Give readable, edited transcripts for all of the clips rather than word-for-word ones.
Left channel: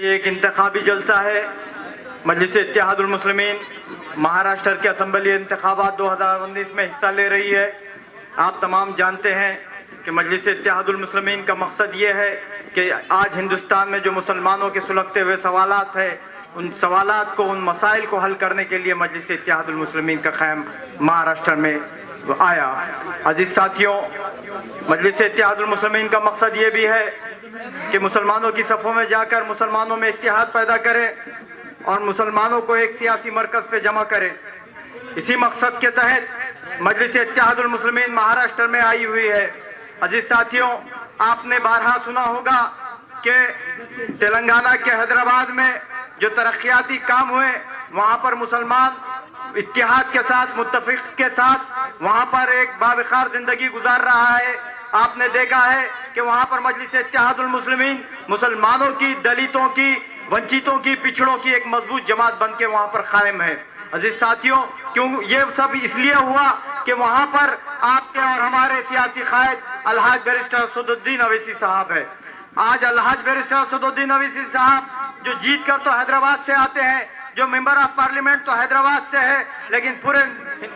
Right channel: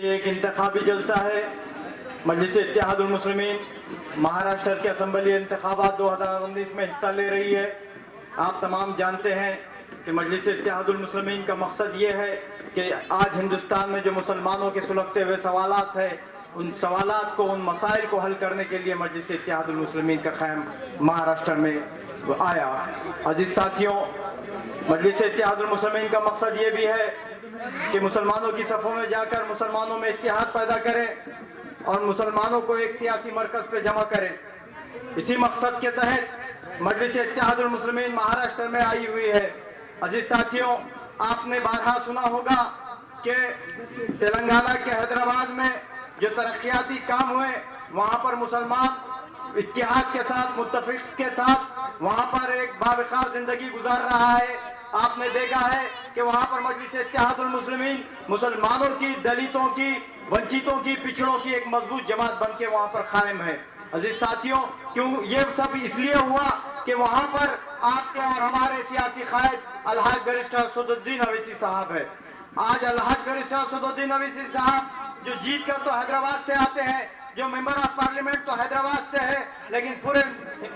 एक इंतखाबी जलसा है। मजलिस इत्तेहादुल मुस्लिमीन महाराष्ट्र के असम्बली इंतखाबात 2019 में हिस्सा ले रही है। आप तमाम जानते हैं कि मजलिस इत्तेहादुल मुस्लिमीन का मकसद ये है कि आज हिंदुस्तान में जो मुसलमानों के सुलगते हुए सवालात है, उन सवालात को, उन मसाइल को हल करने के लिए मजलिस इत्तेहादुल मुस्लिमीन का क़याम महाराष्ट्र में आया। अजीज साथियों, मजलिस इत्तेहादुल मुस्लिमीन का मकसद ये भी है कि मुसलमानों की सफ़ों में जाकर मुसलमानों में इत्तेहाद पैदा करें और मुसलमानों को एक सियासी मरकज़ पे जमा करें। इसी मकसद के तहत मजलिस इत्तेहादुल मुस्लिमीन महाराष्ट्र में आई हुई है। अजीज साथियों, आपने बारहा सुना होगा कि तेलंगाना के हैदराबाद में जो तरक्याती काम हुए, वहाँ पर मुसलमान इत्तेहाद के साथ, मुत्तफिक के साथ वहाँ पर एक बावकार जिंदगी गुजार रहा है। आपने देखा है कि वहाँ पर मजलिस इत्तेहादुल मुस्लिमीन मुसलमानों की, दलितों की, वंचितों की, पिछड़ों की एक मजबूत जमात बन के वहाँ पर कायम है। अजीज साथियों, क्यों ये सब इसलिए हुआ कि वहाँ पर आपके और हमारे सियासी कायद अलहाज बैरिस्टर असदुद्दीन अवैसी साहब है। आज अलहाज बैरिस्टर असदुद्दीन अवैसी साहब जो जीत कर तो हैदराबाद से आते हैं, जो मेंबर ऑफ पार्लियामेंट तो हैदराबाद से है, लेकिन पूरे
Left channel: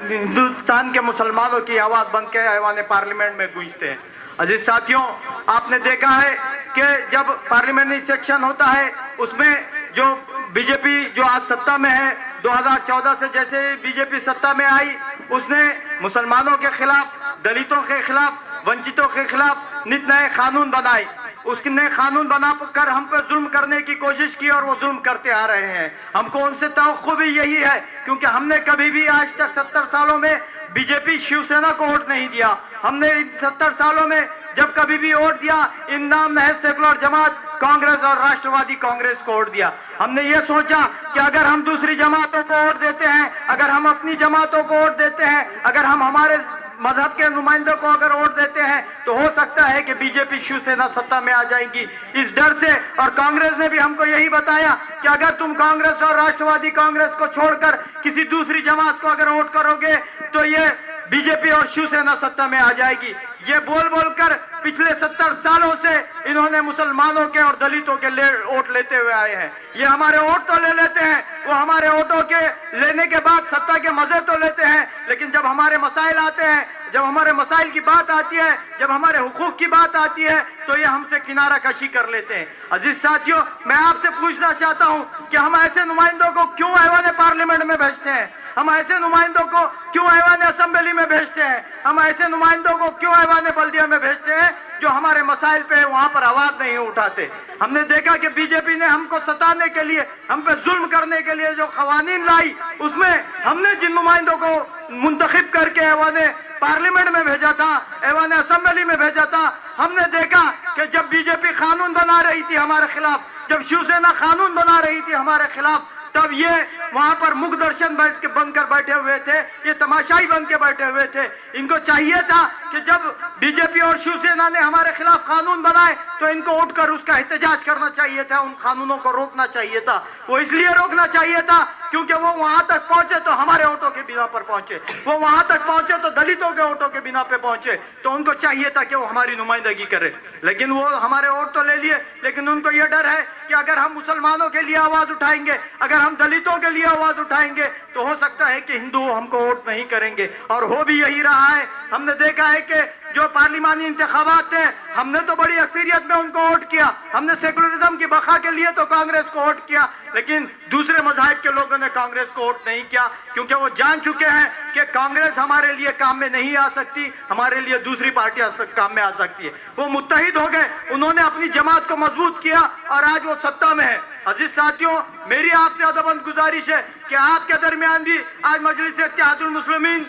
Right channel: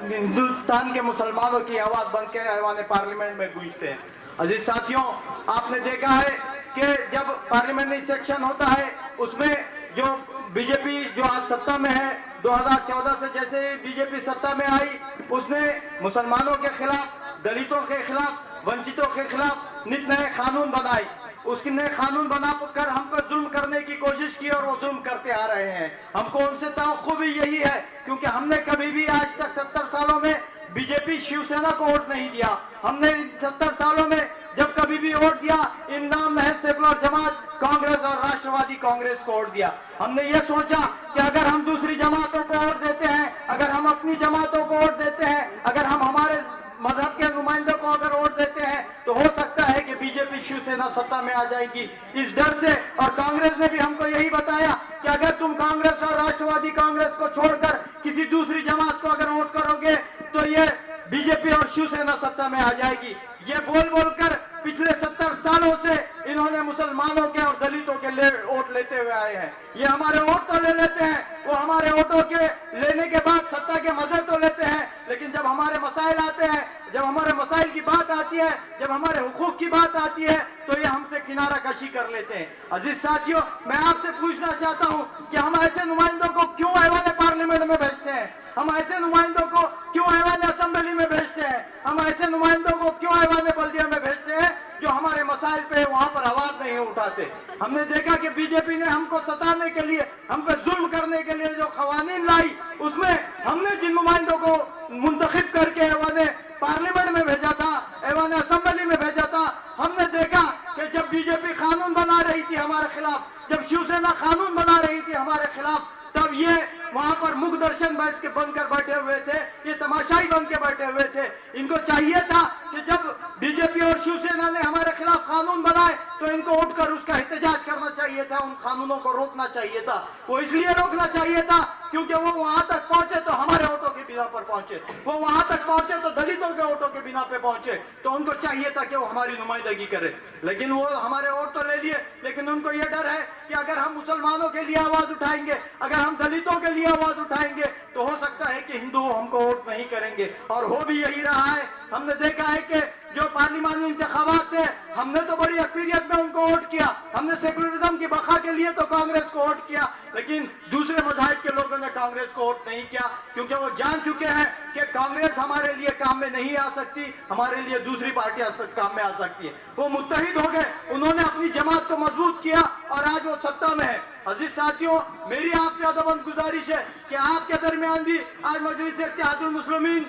हिंदुस्तान के मुसलमानों की आवाज बन के ऐवान पार्लियामेंट में गूंजते हैं। अजीज साथियों, आपने देखा है कि जब पार्लियामेंट्री सेक्शन होता है, उसमें जो बीजेपी जो आज सत्ता में है, 2014 से जैसे बीजेपी सत्ता में आई, उसने मुसलमानों के खिलाफ, दलितों के खिलाफ, वंचितों के खिलाफ नित नए कानून बनाए। उसने कानून बनाकर हम पर जुल्म करने की कोशिश की और वो जुल्म करते आ रहे हैं। हमको उनसे तवक्को भी यही है, क्योंकि हमने कभी भी आज तक 70 सालों में बीजेपी शिवसेना को वोट नहीं दिया। हमने इन 70 सालों में जब कभी भी वोट दिया, इन नाम नहज सेकुलर जमात कांग्रेस और राष्ट्रवादी कांग्रेस को वोट दिया। हमने ये सोचा कि अगर हम दूसरी जमातों को वोट देते हैं, अगर हम अपनी जमातों को वोट देते हैं, अगर हम हमारे मजहब के नुमाइंदों को अगर वोट देते हैं, तो हो सकता है कि बीजेपी शिवसेना सत्ता में आ जाएगी। इस डर से, और कांग्रेस ने भी हमको यही बताया कि अगर तुम कांग्रेस और राष्ट्रवादी कांग्रेस को छोड़कर किसी दूसरी जमात को अगर वोट करोगे तो ये बीजेपी और शिवसेना सत्ता में आ जाएगी। ये बोल बोलकर पिछले 70 सालों से इन्होंने मुसलमानों के और दलितों के वोट लेते हुए आए हैं। ये हमारे वोट तो ले लेते हैं, वो हमारे वोटों के लेने के बाद सत्ता के मजे तो लेते हैं, लेकिन जब हमारे मसाइल आते हैं, जब हमारे मसाइल की बात आती है, जब हमारे हुकूक की बात आती है, तो ये हमसे किनारा कशी कर लेते हैं। अजीज साथियों, मैं आपसे पूछना चाहता हूं कि हम ऐसे नुमाइंदों को क्यों ऐवान पार्लियामेंट में भेजते हैं? हम ऐसे नुमाइंदों को क्यों ऐवान असेंबली में भेजते हैं? हम ऐसे नुमाइंदों को क्यों ऐवान बल्दिया में भेजते हैं जो हमारे मसाइल पे वहां पर आवाज नहीं उठाते? हमने देखा कि बीजेपी ने हमको सताने के लिए, हम पे जुल्म करने के लिए जो कवानीन लाई, उसमें हमने जिन नुमाइंदों को मुंतखब करके ऐवान पार्लियामेंट में भेजा था, ऐवान असेंबली में भेजा था, हमने देखा कि जब बीजेपी कानून बना रही थी हमारे खिलाफ, जब शिवसेना कानून बना रही थी हमारे खिलाफ, तब ये वहां पर मुख दर्शन बनकर बैठे हुए थे, ये तमाशाई बन के बैठे हुए थे। इनको चाहिए था कि जब बीजेपी और शिवसेना ने हमारे खिलाफ कानून बनाए तो इनको उठकर उसका एहतजाज करना चाहिए था, उन कानूनों को रोकना चाहिए था। वो इसलिए रोकना चाहिए था क्योंकि वो वहां तक पहुंचे तो हमारे वोटों के बिना पर पहुंचे, वो वहां तक पहुंचे तो दलितों के वोटों के बिना पे पहुंचे, तो उनको चाहिए था कि वो हमारी नुमाइंदगी करे। लेकिन वो हमारे वोट तो ले लिए, लेकिन उनको ये डर है कि अगर हम मुसलमानों के लिए आवाज उठाएंगे, अगर हम दलितों के लिए आवाज उठाएंगे, तो हो सकता है कि हिंदू हमको वोट नहीं करेंगे। और हो भी यही रहा है। हमने देखा है कि जो पार्लिमानी इंतखाबात थे, हमने तो बड़ी अक्सरियत में उनको वोट किया। हमने सेकुलरिज्म की बका के लिए तो कांग्रेस को वोट किया, लेकिन दूसरे मज़ाहिब के लोगों ने कांग्रेस को वोट नहीं किया, क्योंकि वो जान चुके हैं कि कांग्रेस हमारे लिए काम में नहीं आ सकती, हमारे लिए दूसरी पार्टियां काम में आ सकती है। वो मुत्तहिद हो गए, उन्होंने अपनी जमात को मजबूत किया और आज वो सत्ता में है। अजीज साथियों, मेरी आपसे अदबंद गुजारिश है कि आपके दरमियान भी आज मजलिस इत्तेहादुल मुस्लिमीन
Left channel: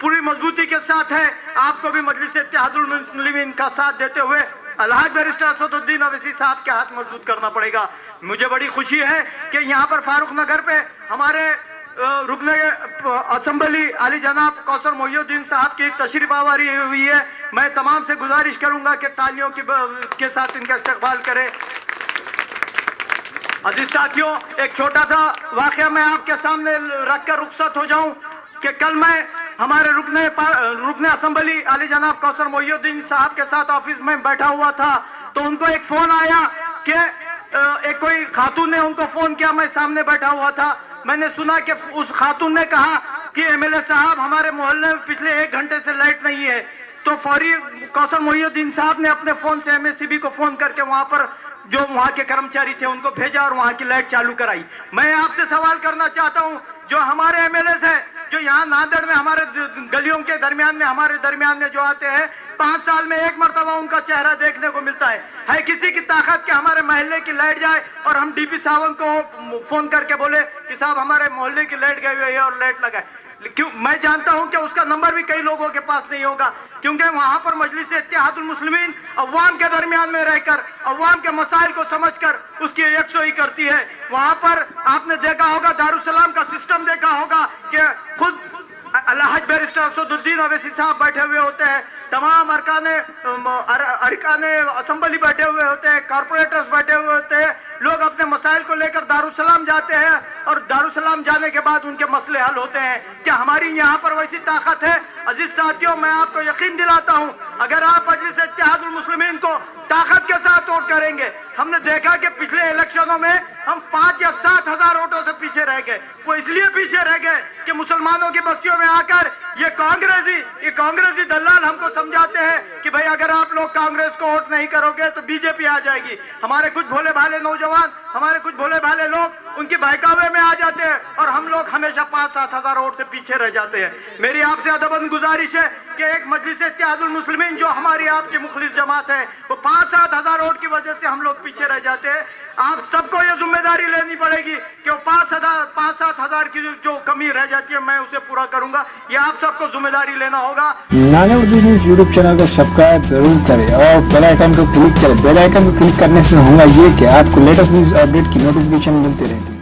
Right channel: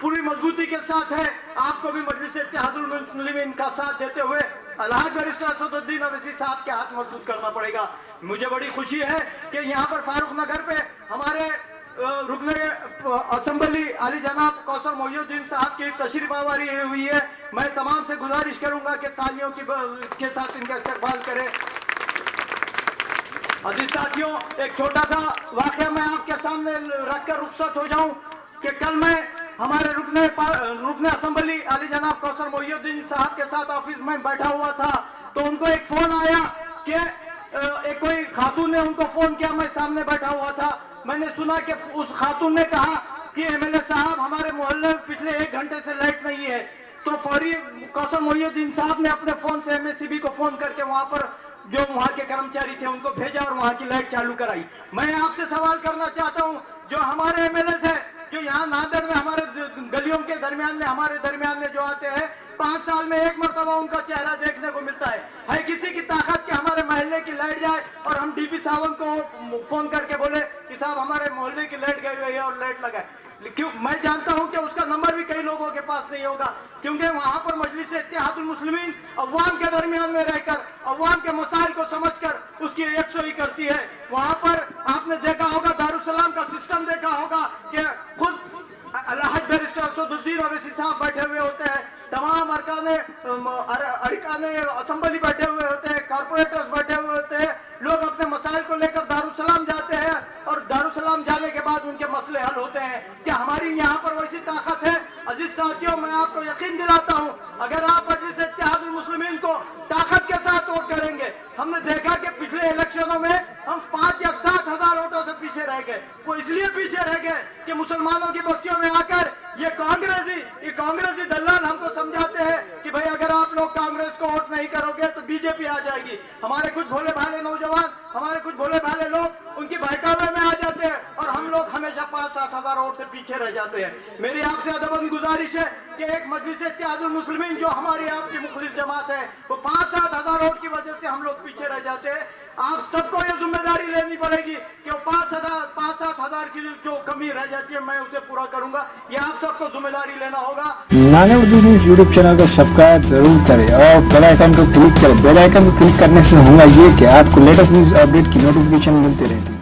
पूरी मजबूती के साथ है। आपको भी मजलिस इत्तेहादुल मुस्लिमीन का साथ देते हुए अलहाज बैरिस्टर असदुद्दीन अवैसी साहब के हाथ मजबूत करना पड़ेगा। मुझे बड़ी खुशी है कि यहाँ पर फारूक नगर पे हमारे रुकने असेंबली आली जनाब कौसर मोहिउद्दीन साहब की तशरीफ आवारी हुई है। मैं तमाम से गुजारिश करूंगा कि तालियों के साथ इनका इस्तकबाल करें। अजीज साथियों, एक छोटा सा वाकया मैं आपके सामने रखकर रुखसत हो जाऊं कि कल मैं हमारे रुकने असेंबली आली जनाब कौसर मोहिउद्दीन साहब के साथ ऑफिस में बैठा हुआ था, तो उनको एक फोन आया कि एक कोई खातून ने उनको फोन किया, मैं सामने बैठा हुआ था, मैंने सुना कि उस खातून ने कहा कि एमएलए साहब हमारे मोहल्ले में पिछले 1 घंटे से लाइट नहीं है। तो फौरी कौसर मोहिउद्दीन साहब ने अपने फोन से एमएससीबी को फोन करके वहां पर जो वहां के कर्मचारी थे उनको भेजा और वहां की लाइट चालू कराई। मैं आपसे सवाल करना चाहता हूं, जो हमारे एमएलए है जो यहाँ नांदेड़ में हमारे गलियों के दरमियान में हमारे दरमियान में जो आते हैं, 5 साल में 1 मरतबा उनका चेहरा देखने को मिलता है किसी की ताकत के हमारे मोहल्ले की लाइट जाए और हम डीपी साहब को फोन करके बोले कि साहब हमारे मोहल्ले की लाइट गई हुई है और लाइट लगाए? क्यों? मैं जानता हूं कि उसका नंबर भी कई लोगों के पास नहीं होगा, क्योंकि वहां पर मजलिस इत्तेहादुल मुस्लिमीन अवाम के दरमियान में रहकर अवाम के मसाइल को समझकर उसकी यकसुई करती है। वहां पर आपने देखा होगा, दारुसलाम का सिस्टम देखा होगा कि खुद अलहज बैरिस्टर असदुद्दीन अवैसी साहब बैठे हुए होते हैं, तमाम अरकाने असेंबली बैठे हुए होते हैं, कारपोरेटर्स बैठे हुए होते हैं। लोग अपने मसाइल को लेकर दारुसलाम जाते हैं और दारुसलाम जाने के बाद उनके मसले हल होते हैं। क्या हमारी यहाँ पर वैसी ताकत है? अजीज साथियों, मैं आपको यकीन दिलाता हूँ, अगर आप मजलिस इत्तेहादुल मुस्लिमीन को ताकत के साथ वोट करेंगे, हमने देखा कि पिछले इलेक्शनों में हम 5 या 7 हजार वोटों से पीछे रह गए। वो इसलिए पीछे रह गए कि मुसलमानों की बस्तियों में आकर ये कांग्रेसी दलाल हमको समझाते हैं कि भाई अगर आप लोग कांग्रेस को वोट नहीं करोगे तो बीजेपी आ जाएगी। हमारे कुछ भोले भाले नौजवान, हमारे कुछ भोले भाले लोग उनकी बहकावे में आ जाते हैं और हम लोग हमेशा 5-7 हजार वोट से पीछे रह जाते हैं। मेरी आपसे अदबन गुजारिश है कि एक मजलिस इत्तेहादुल मुस्लिमीन जो हमारी आपकी मुखलिस जमात है, वो 5-7 हजार वोट की वजह से हम लोग पीछे रह जाते हैं। आप सबको ये जिम्मेदारी लेनी पड़ेगी कि 5-7 हजार की जो कमी रह जाती है मैं उसे पूरा करूंगा। ये आप सबको जिम्मेदारी लेना होगा। नानेउर्दू न्यूज यूट्यूब चैनल को सब्सक्राइब जरूर करें और बेल आइकन को क्लिक करें। बेल आइकन को क्लिक करने से होगा ये कि आपको लेटेस्ट न्यूज अपडेट की नोटिफिकेशन मिलती रहती है।